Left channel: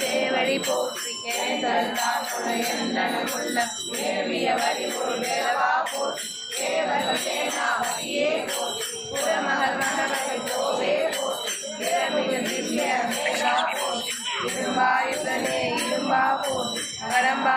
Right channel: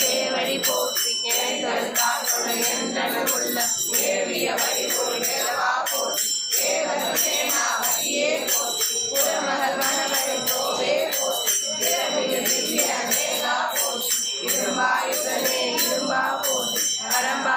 சேவடி போற்றி ஏதல்தான் எந்தனும் உள்ள ஏவிய வடிபோல் வேலவா போற்றி தேவர்கள் சேனாபதியே போற்றி புறமகள் மகவரை கோவே போற்றி திறமிகு திவ்ய மேலா போற்றி இரும்பாயுதனே இரும்பா போற்றி வரம்பா